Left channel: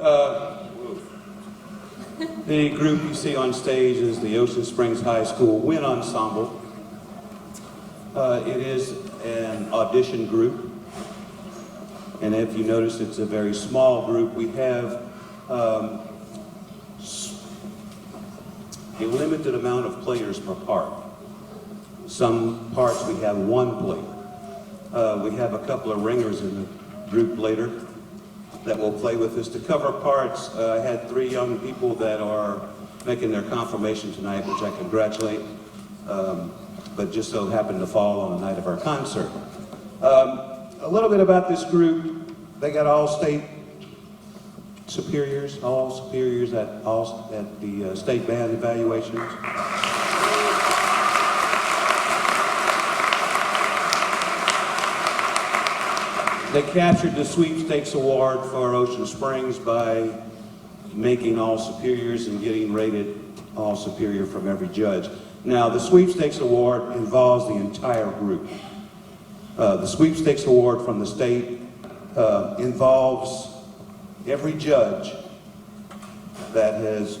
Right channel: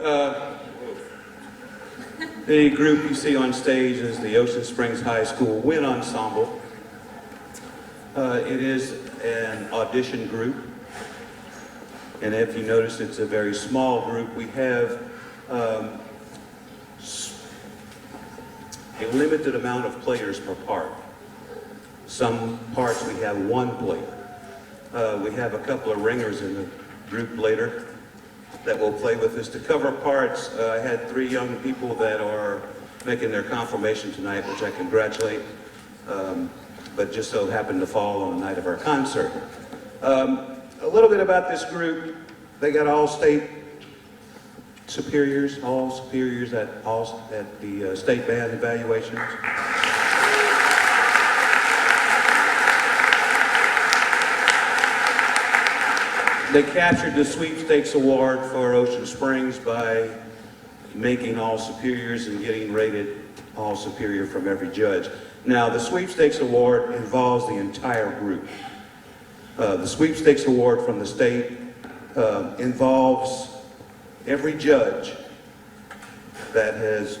Uh, the group you see on stage is the Ocean Springs High School Wind Ensemble. It is an audition group, and if you notice, it's a very small group. We have a limited amount of players per part. Some parts we have one player. We have a couple of ringers in the group later that will play with us. To cover parts, I had 3 young people that are making their confirmation tonight, which I congratulate, but just so happened to fall on the night of our concert. A little bit about this group. They got all state superiors, at the state band evaluations. They captured the sweepstakes award for Ocean Springs by making all superiors and getting rated all superior from every judge. Now, the sweepstakes award involves the entire group. The sweepstakes award from the state involves every judge that has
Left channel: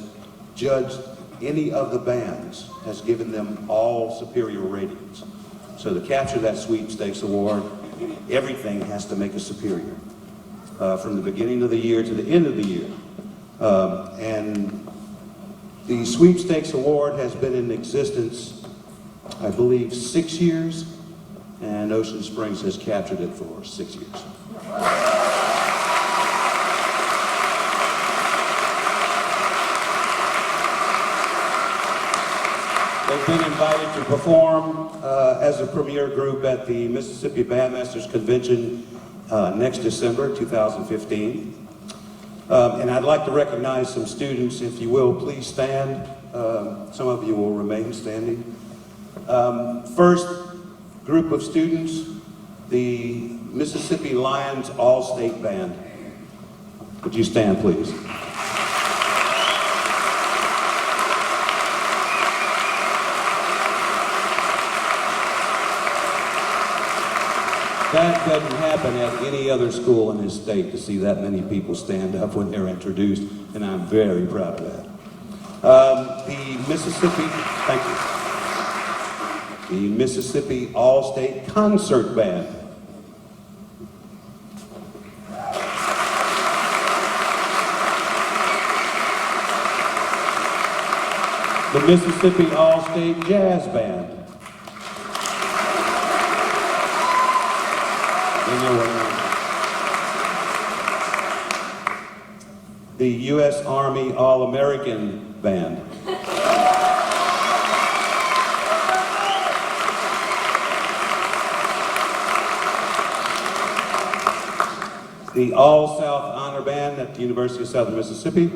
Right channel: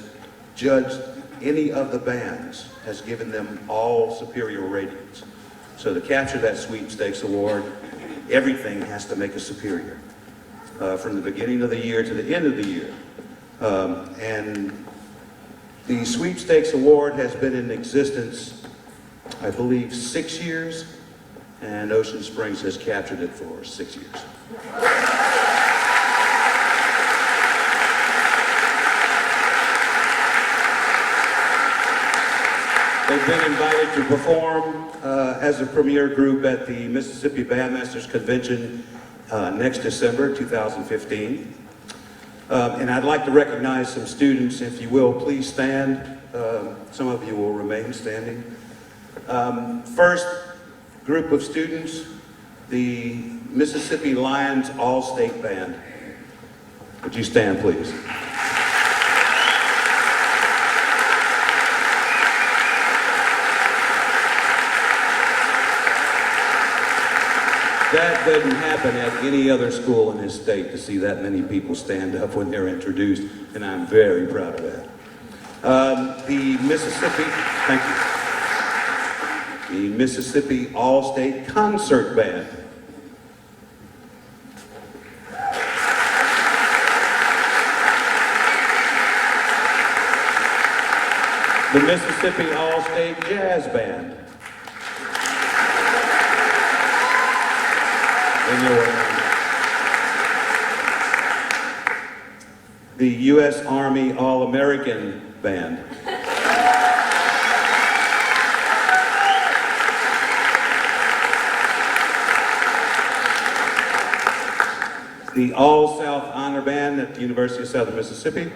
judged any of the bands, has given them all superior ratings. So to capture that sweepstakes award, everything has to make a superior, from the beginning of the year to the end of the year. And the sweepstakes award has been in existence, I believe, 6 years, and Ocean Springs has captured it for 6 years. They've been invited to perform as a premier group at the Mississippi Bandmasters Convention next December 2015. And I'd like to recognize some students, if you will. Please stand. Some of you will remain standing. First group of students, the Mississippi Lions All-State Band. Would you stand, please? That doesn't happen at any other school in this state, to see that many people stand up when they're introduced, and I'm very proud of that. The Mississippi, thank you. The Mississippi All-State Concert Band. The Mississippi All-State Jazz Band. The U.S. Army All-American Band. The All-South Honor Band at the University of Southern Mississippi.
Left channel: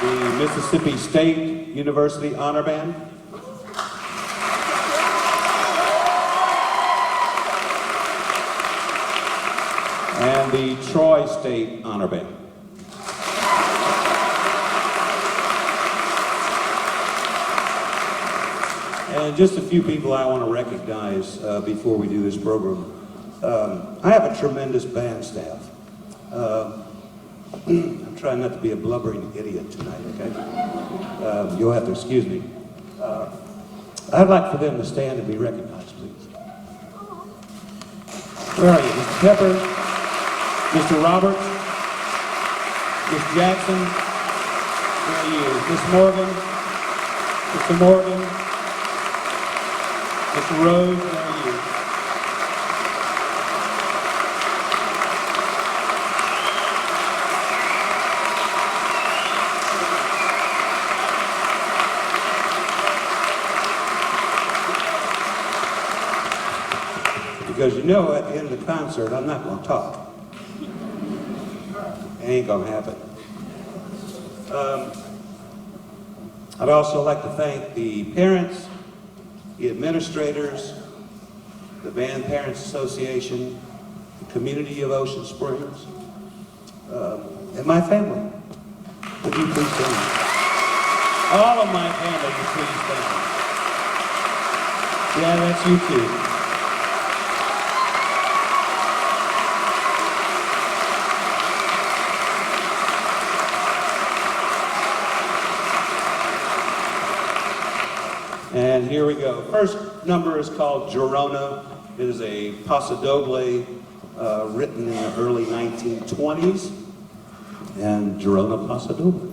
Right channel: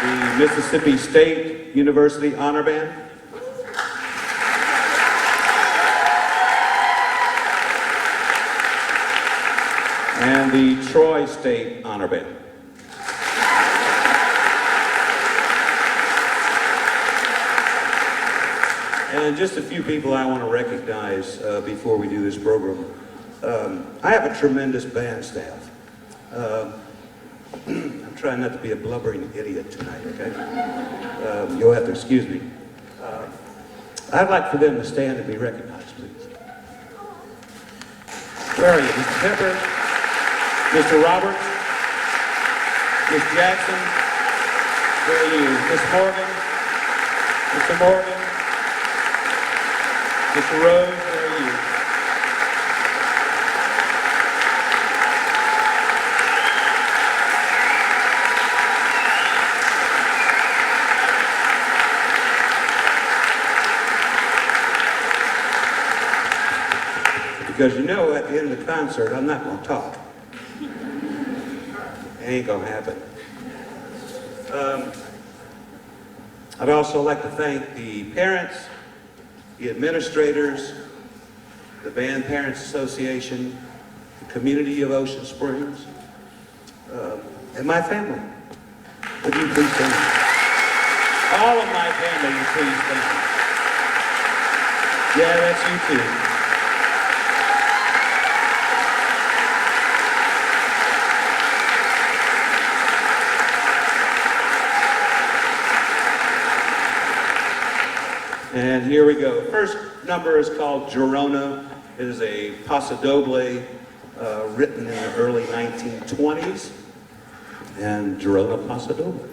The Mississippi State University Honor Band. And the Troy State Honor Band. And just a few people I want to recognize before we do this program. I have a tremendous band staff. I'm trying not to be a blubbering idiot tonight, okay? You'll have to excuse me. I'd like for them to stand and be recognized, please. Where are you? Mr. Pepper, Mr. Roberts, Ms. Jackson, where are you? Ms. Morgan, Mr. Morgan, Mr. Rose, where are you? Because you know, at the end of the concert, I'm not going to talk. It ain't going to happen. I'd also like to thank the parents, the administrators, the Band Parents Association, the community of Ocean Springs, and my family. Would you please stand? All of my family, please stand. Yeah, that's you too. And here we go. First number is called Girona. It is a paso doble written in the early 1920s. And Girona paso doble.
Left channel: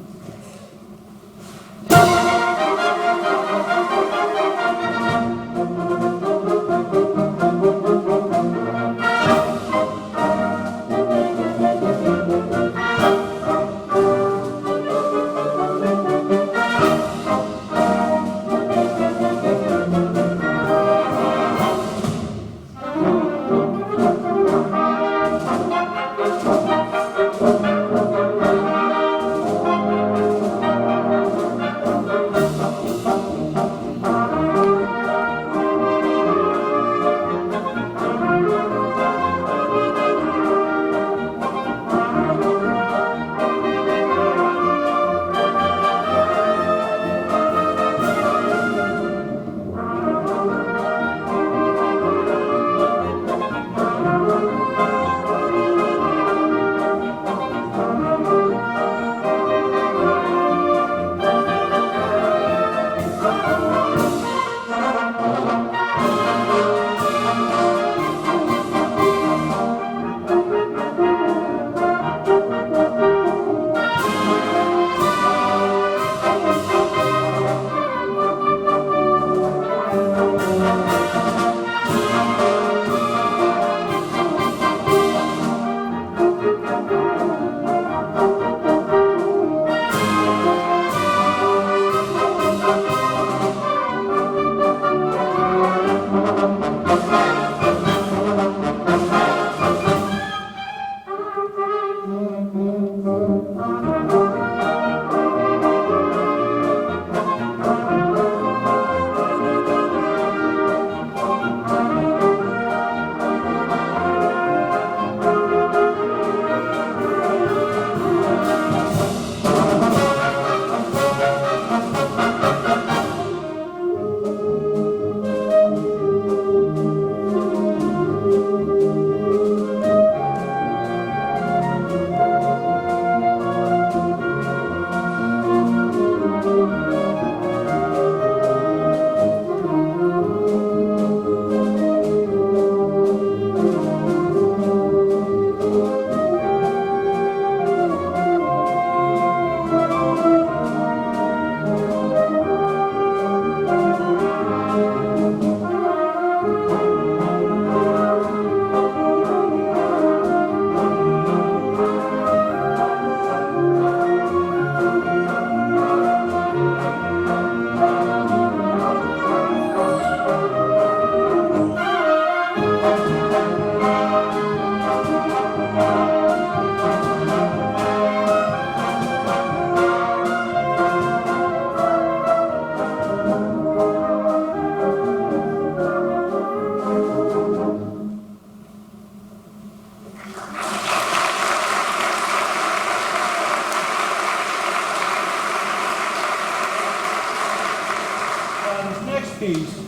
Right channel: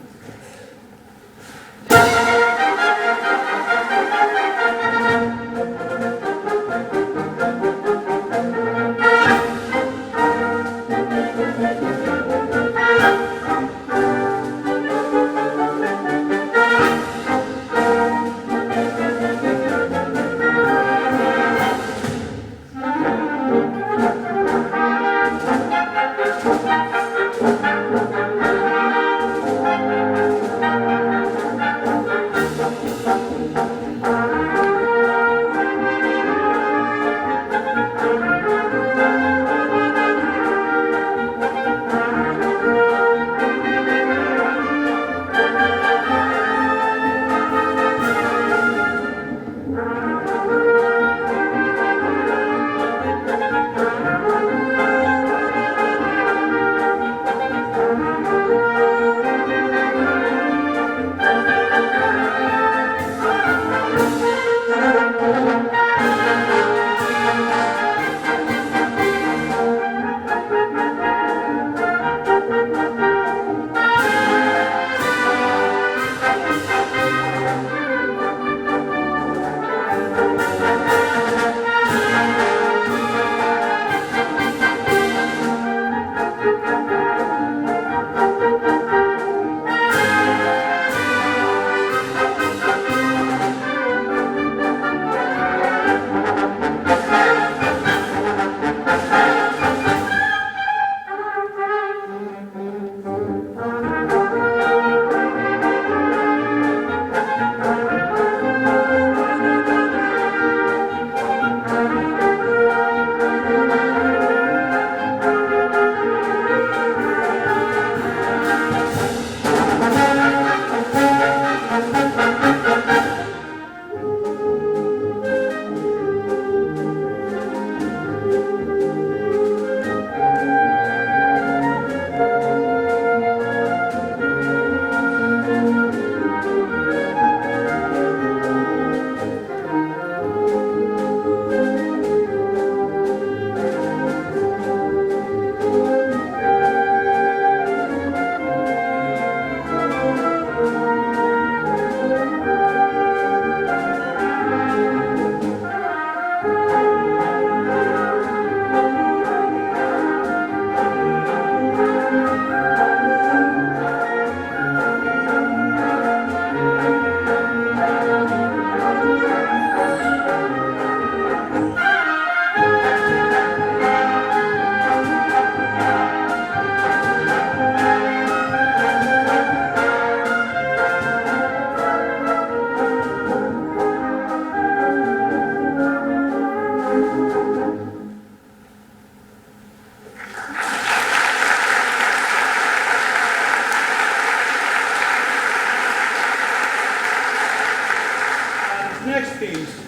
Next piece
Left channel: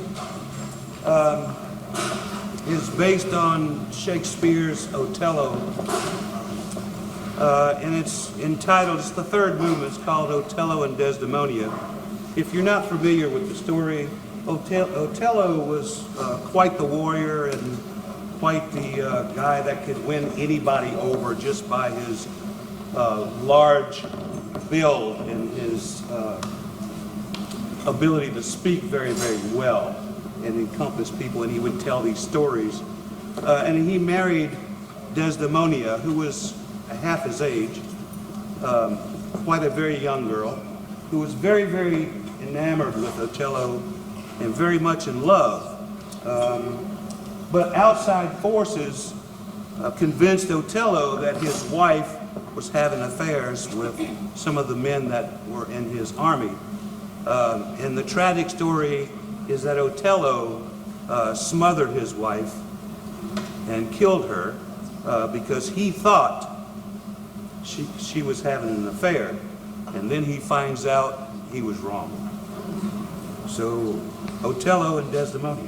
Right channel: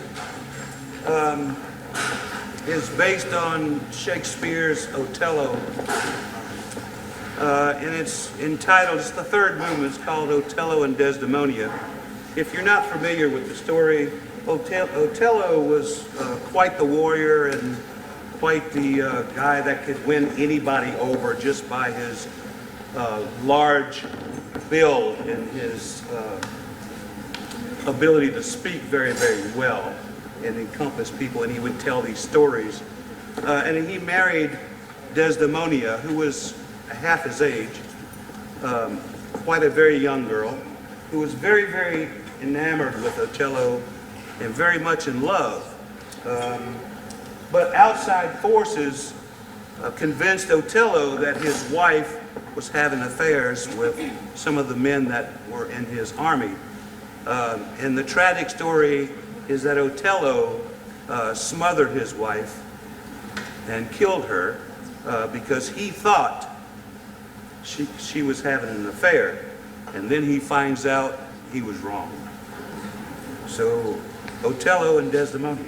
is based on Shakespeare's Otello, and it's entitled, it's the third movement, it's called Otello and Desdemona. If you're not familiar with the story, Otello was quite the warrior and quite the guy that could win anybody over just by his large build and his ability to speak very, very well and encompass people, and he would tell these stories. And he married Desdemona, who was half his age, quite a very young girl, who was very, very enamored with Otello and very much in love. But outside forces convinced Otello that his wife was having affairs with some of the men that were in his army. And the tragic story is that Otello smothered his wife and killed her because he thought she was having an affair, and then he finds out he was wrong. So, Otello and Desdemona.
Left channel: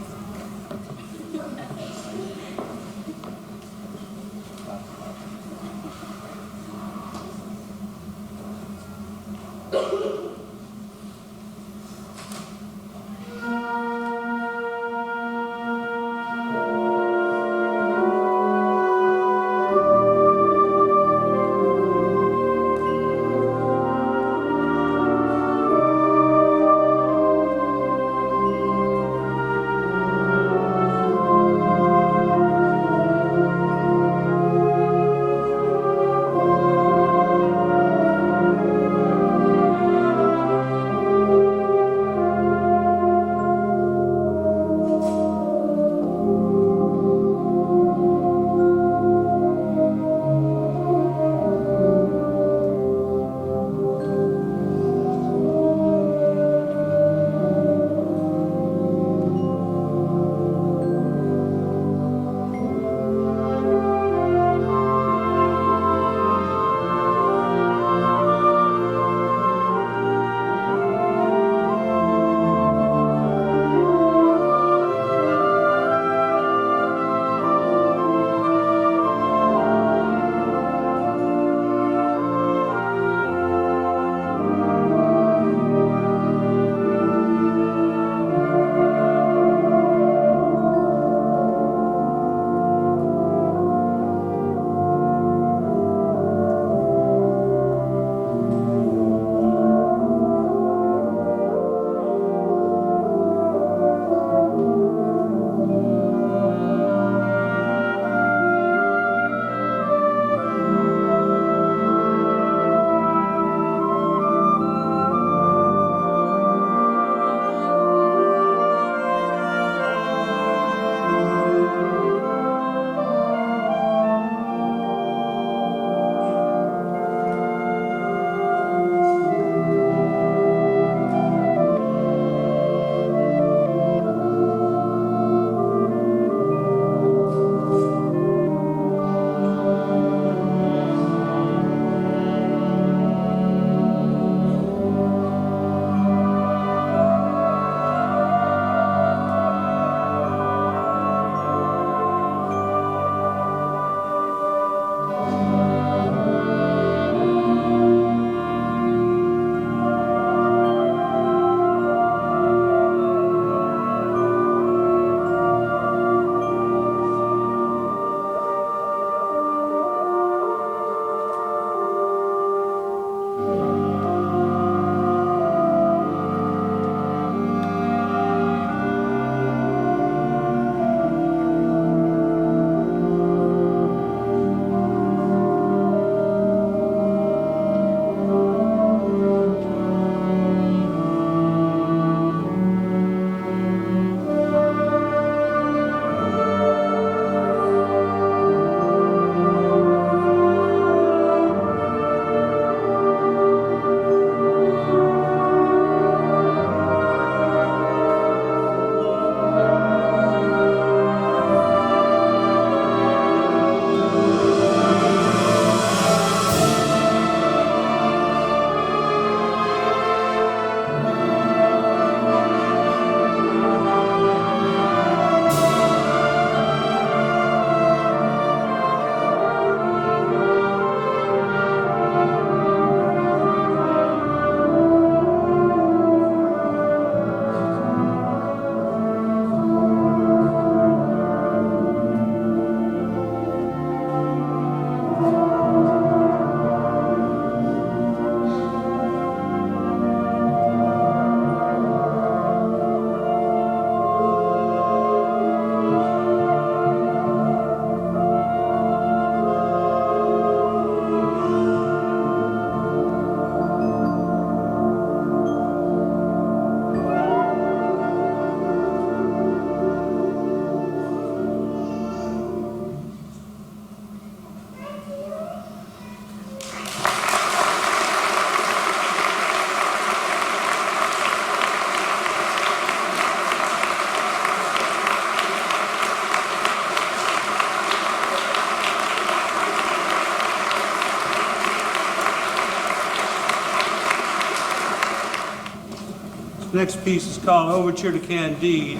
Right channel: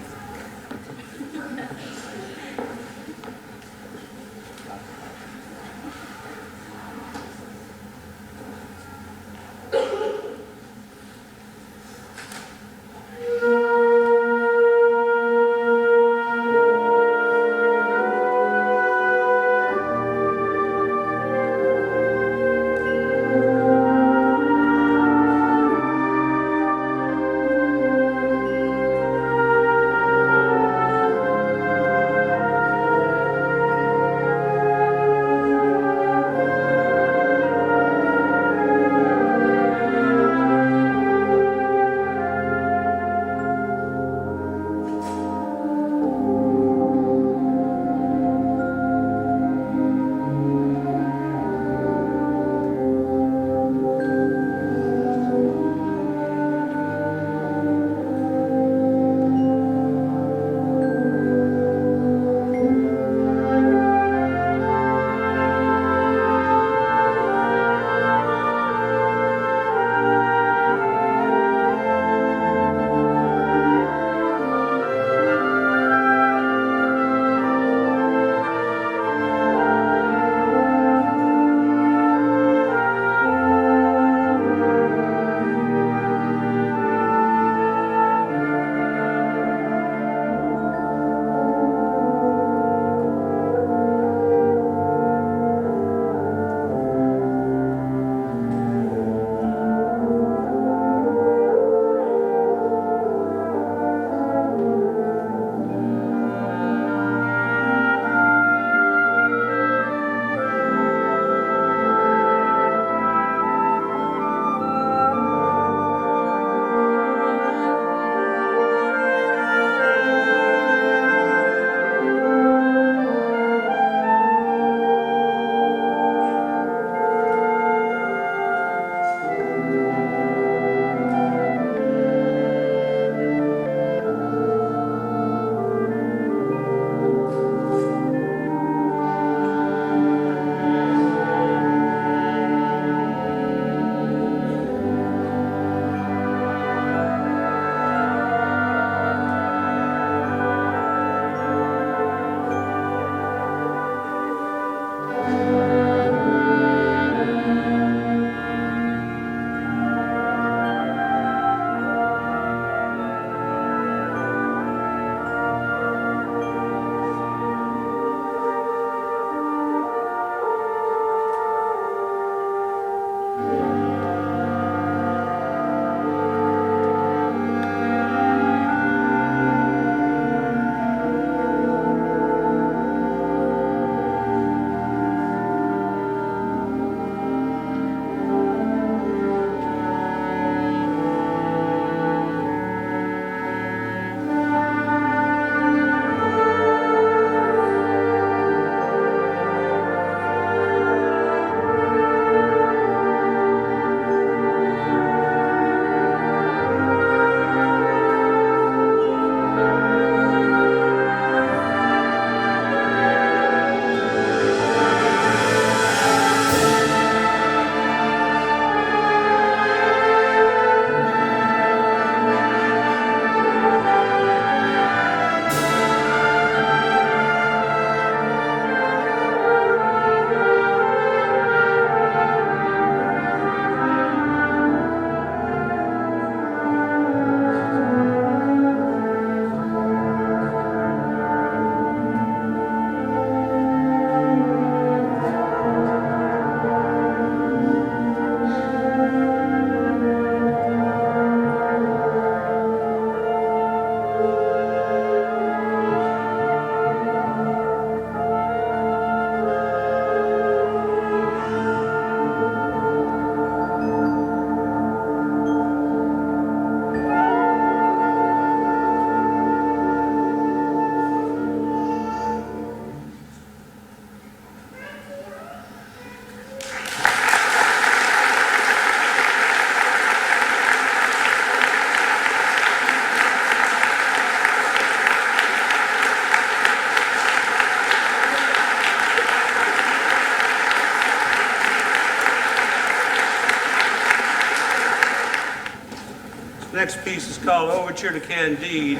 Next piece is called Overture to Candide.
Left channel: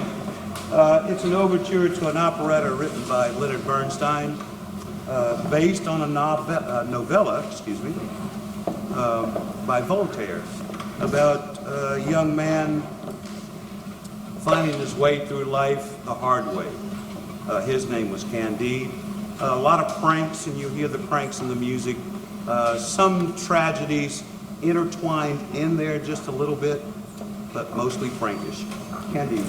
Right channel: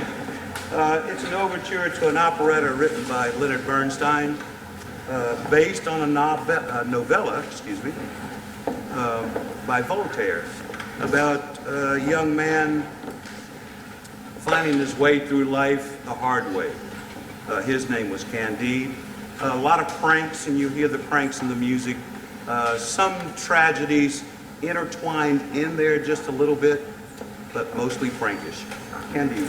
It's an overture to an operetta written by Leonard Bernstein, based on a novella, by Voltaire, about a young man finding his way through life the hard way. His name was Candide. A lot of pranks, and you hear the pranks in the music. Some tragedies intertwined in there just a little bit, but mostly prankish. Candide.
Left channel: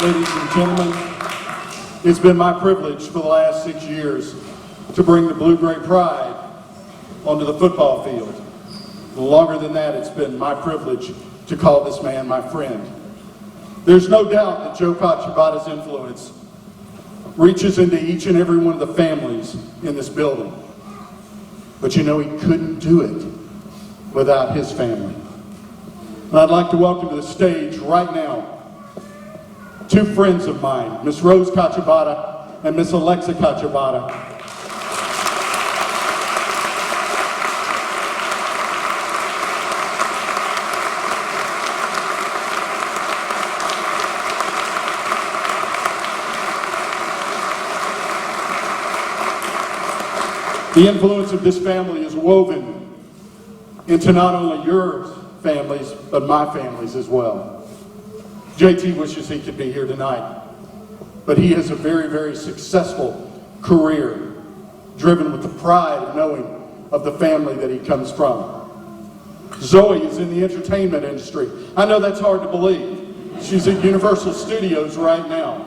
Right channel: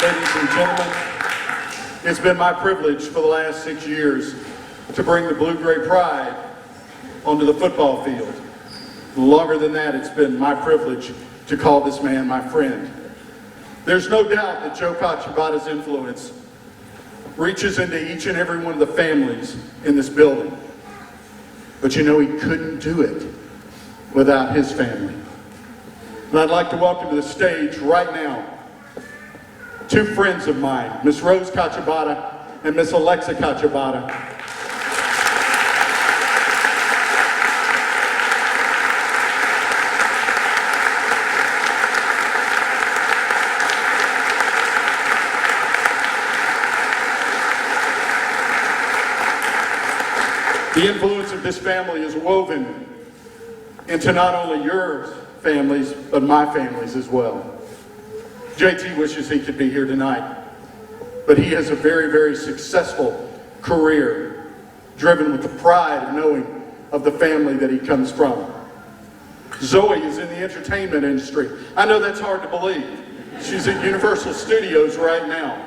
Ladies and gentlemen, it's been my privilege for the last 6 years to bring the blue-gray pride onto the football field. Longer than that, it's been my privilege to call this man my friend. There's no doubt that Joe Cacibauda's influence reaches into each and every one of the families in this building. But you know, he couldn't do it without his family. And I'd like to welcome to the stage right now two friends of mine, Miss Rose Cacibauda and Miss Alexa Cacibauda. The influence of this family is woven into not only your families, but my families as well. JT wishes he could be here tonight, but he has a very, very successful career, driven with the pride of knowing of the family that he comes from. Zoe is in the entertainment industry. I know that's hard to believe. She's at Universal Studios right now.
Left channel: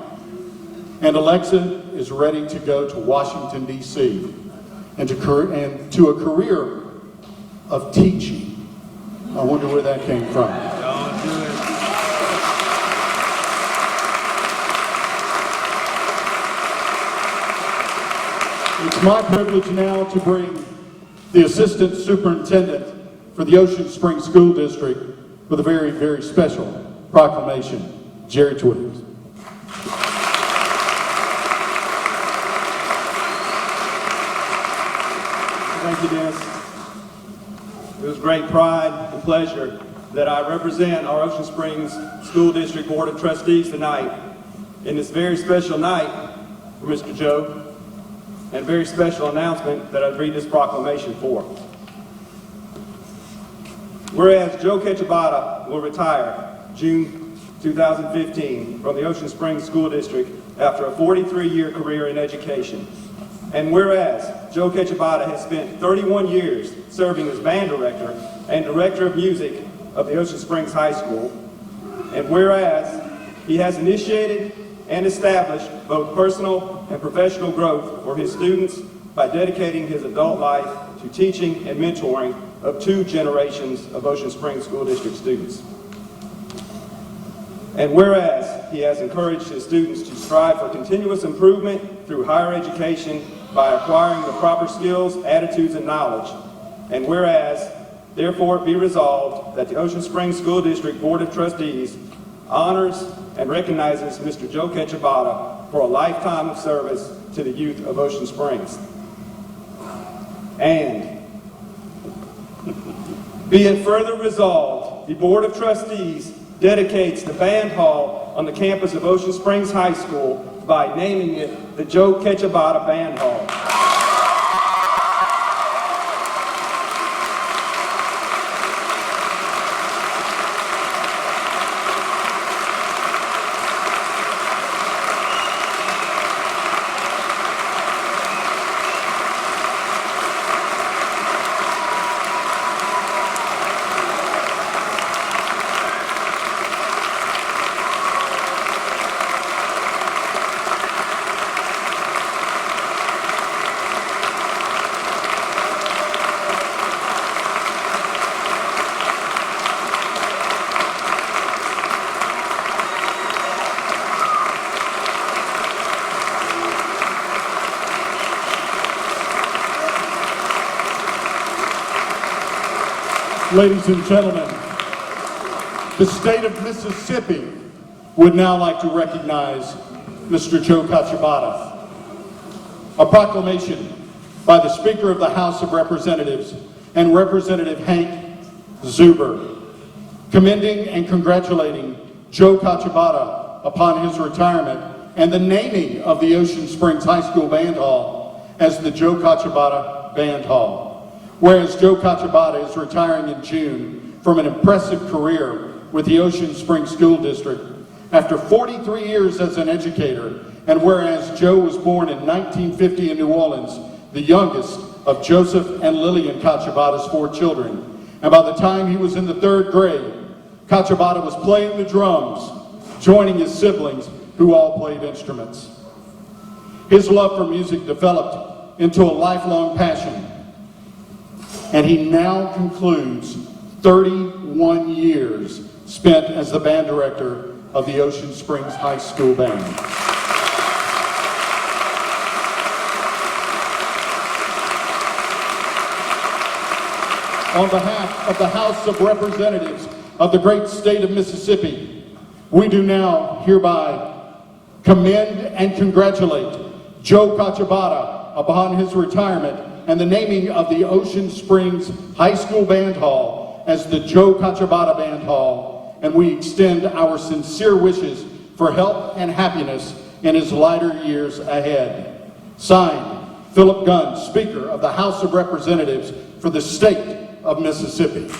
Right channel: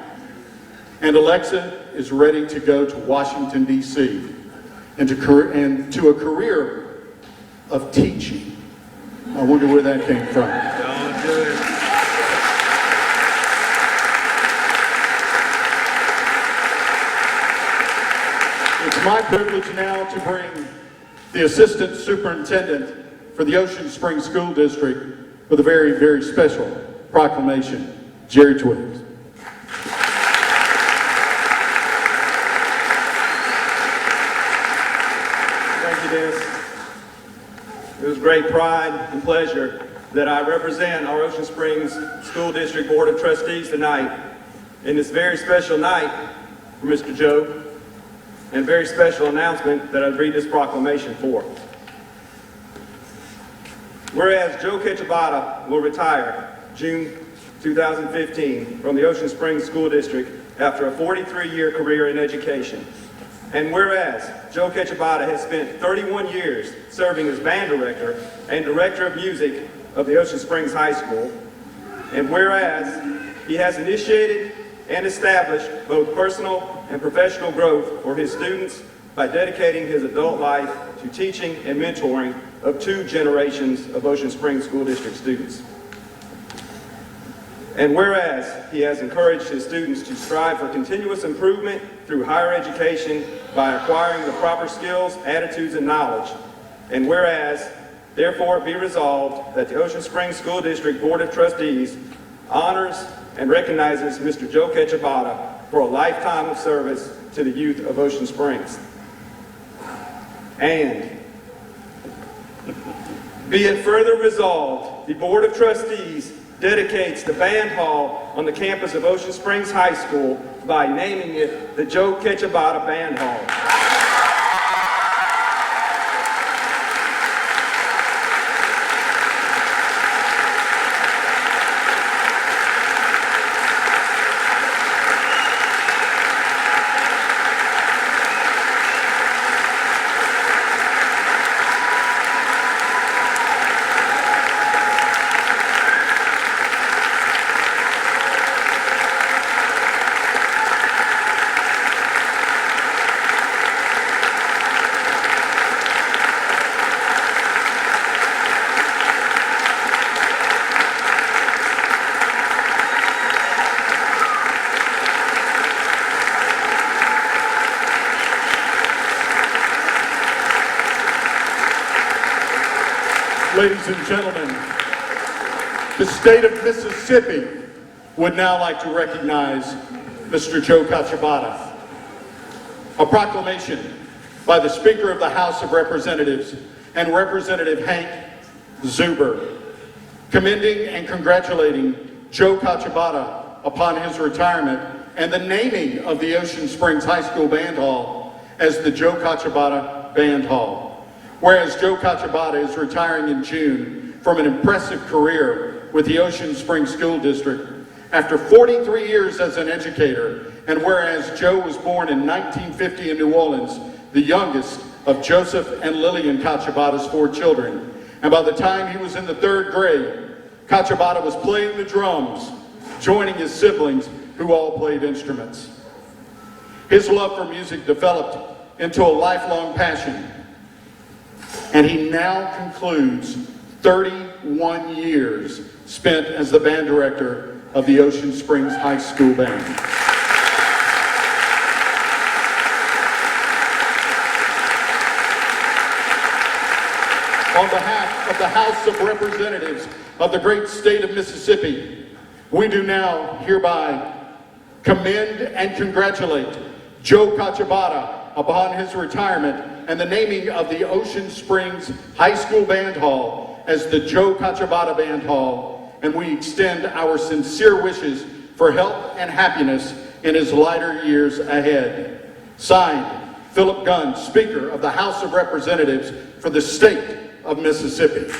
And Alexa is ready to go to Washington, D.C. and to a career of teaching. I wonder where that came from. Don't do it. It's my privilege now to bring the Assistant Superintendent for the Ocean Springs School District with a very, very special proclamation, Jerry Twitters. Thank you, Dennis. It was great pride and pleasure that I represent our Ocean Springs School District Board of Trustees tonight in this very special night for Mr. Joe, and a very special announcement that I'd read this proclamation for. Whereas Joe Cacibauda will retire June 2015 from the Ocean Springs School District after a 43-year career in education. And whereas Joe Cacibauda has spent 31 years serving as band director and director of music of the Ocean Springs High School, and whereas he has initiated and established both personal and professional growth for his students by dedicating his adult life to teaching and mentoring of 2 generations of Ocean Springs School District students. And whereas he has encouraged his students to strive for continuous improvement through higher education by acquiring the proper skills, attitudes, and knowledge. And whereas, therefore it be resolved that the Ocean Springs School District Board of Trustees honors and recognizes Mr. Joe Cacibauda for a lifetime of service to the youth of Ocean Springs. And be it further resolved, the Board of Trustees dedicates the band hall on the campus of Ocean Springs High School by naming it the Joe Cacibauda Band Hall. Ladies and gentlemen, the state of Mississippi would now like to recognize Mr. Joe Cacibauda. A proclamation by the Speaker of the House of Representatives and Representative Hank Zuber, commending and congratulating Joe Cacibauda upon his retirement and the naming of the Ocean Springs High School Band Hall as the Joe Cacibauda Band Hall. Whereas Joe Cacibauda is retiring in June from an impressive career with the Ocean Springs School District after 43 years as an educator, and whereas Joe was born in 1950 in New Orleans, the youngest of Joseph and Lillian Cacibauda's 4 children, and by the time he was in the 3rd grade, Cacibauda was playing the drums, joining his siblings who all played instruments. His love for music developed into a lifelong passion, and he now concludes 31 years spent as the band director of the Ocean Springs High School Band. On behalf of the House of Representatives of the great state of Mississippi, we do now hereby commend and congratulate Joe Cacibauda upon his retirement and the naming of the Ocean Springs High School Band Hall as the Joe Cacibauda Band Hall, and we extend our sincere wishes for health and happiness in his lighter years ahead. Signed, Philip Gunn, Speaker of the House of Representatives for the state of Mississippi.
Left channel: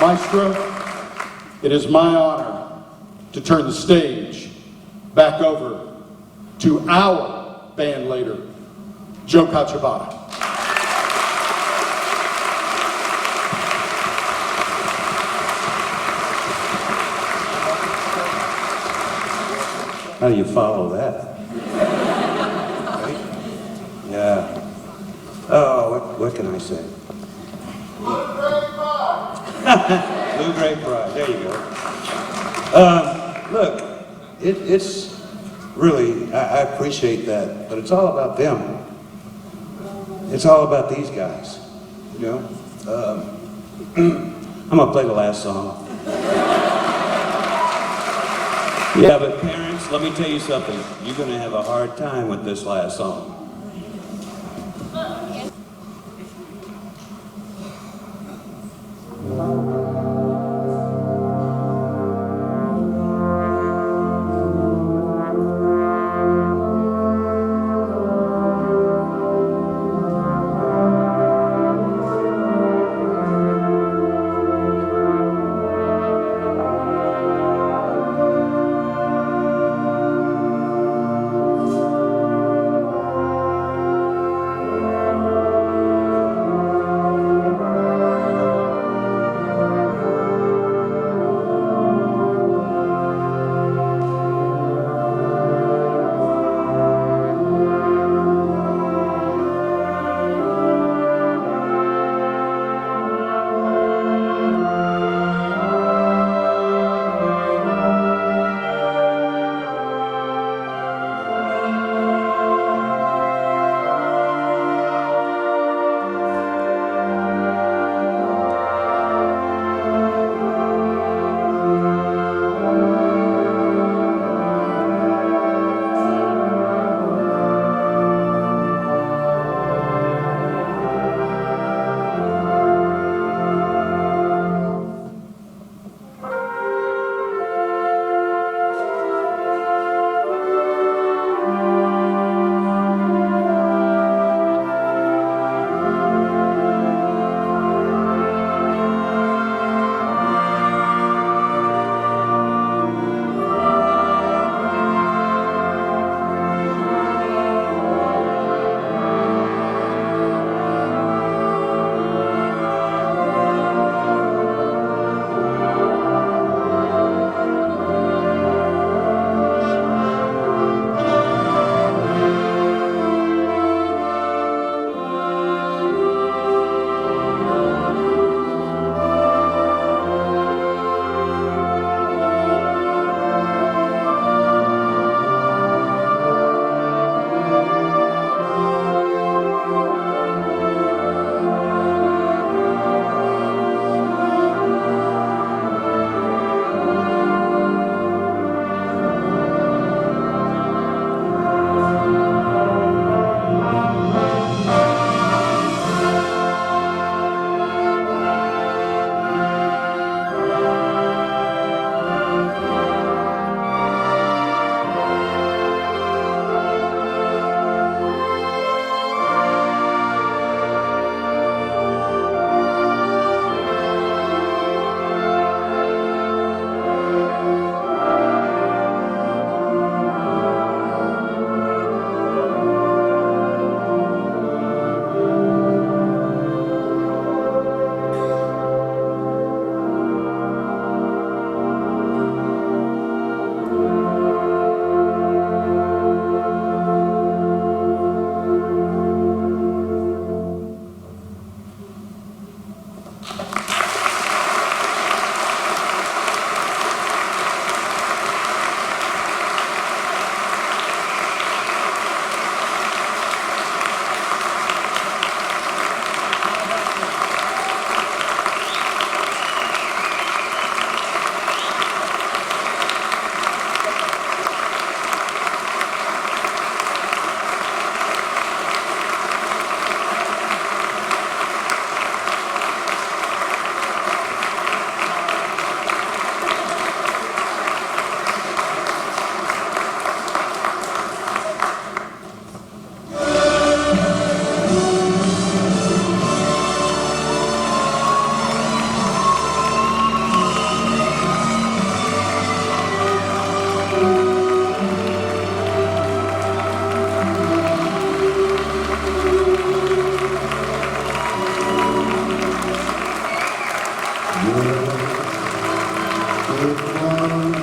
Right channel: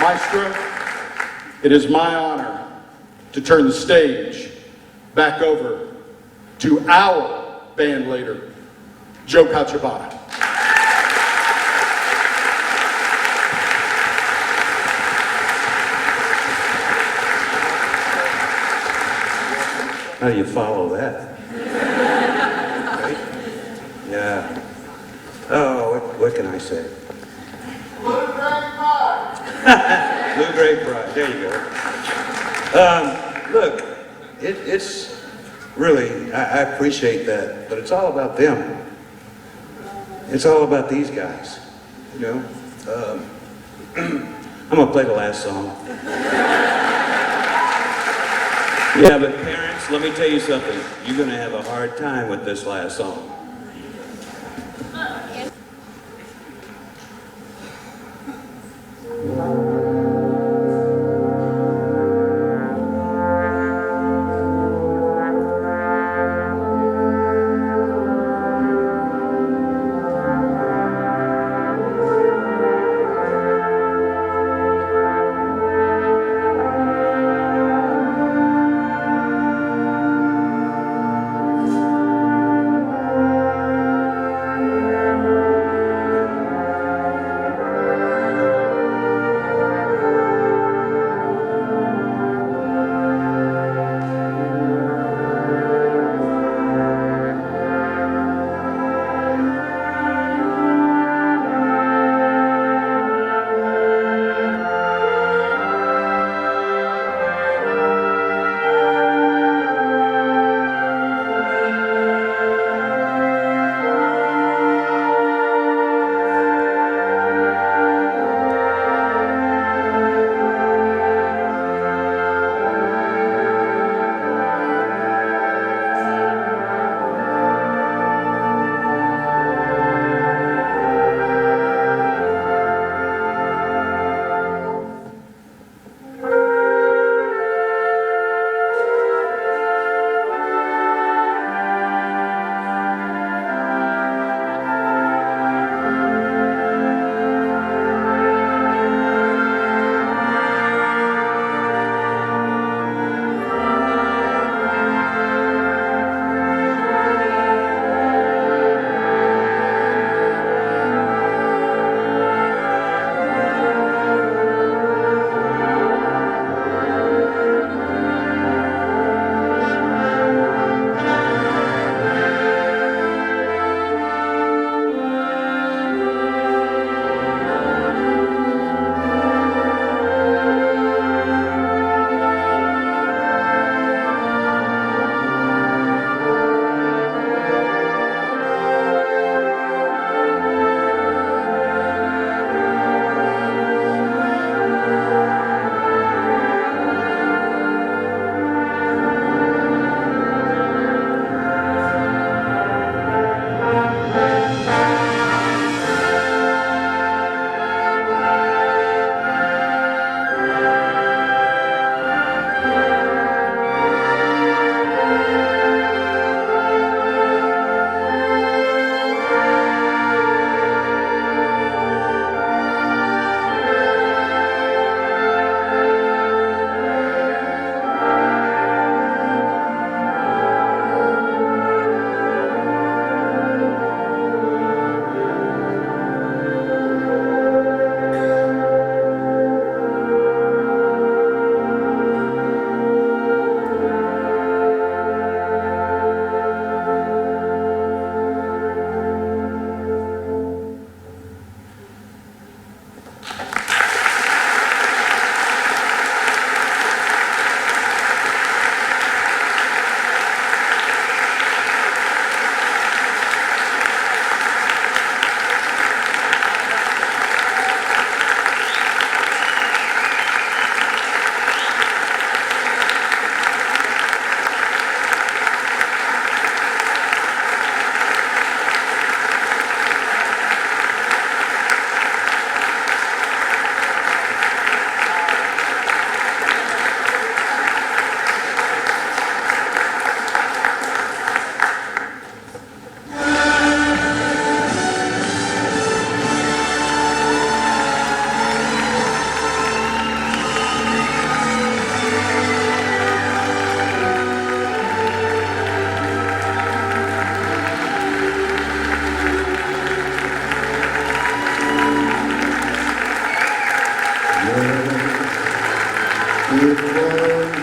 Maestro, it is my honor to turn the stage back over to our band leader, Joe Cacibauda. How do you follow that? Right? Yeah. Oh, what can I say? Blue Grape Pride. There you go. Look, it's really, I appreciate that, but it's all about them. It's all about these guys, you know. I'm gonna play the last song. Yeah, but parents, let me tell you something. You're gonna have a hard time with this last song. With love